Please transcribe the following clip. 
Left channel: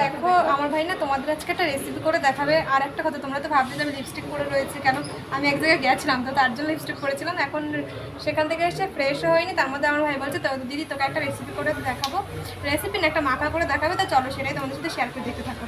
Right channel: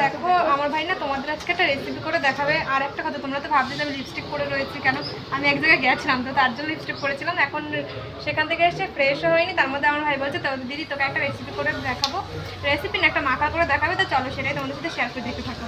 দেখো আমার ভাই না তোমাদের আজকে একটা রেসিপি করে দেখাবে। আর একটা কথা, তোমরা তো ভাবলে আমি লিপস্টিক পরে রয়েছি কেন, আমি এক জায়গায় গেছিলাম তো তার জন্য লিপস্টিক পরেছিলাম। এখন সেখান থেকে এসে ফ্রেশও হয়নি, তার মধ্যে আমার ভাই বলছে তো দিদি তোকে একটা রেসিপি করে দেখাবো, রেসিপি না একটা মাখা করে দেখাবে, তো চলো সেটাই তোমাদের সাথে শেয়ার করে দেখতে থাকো।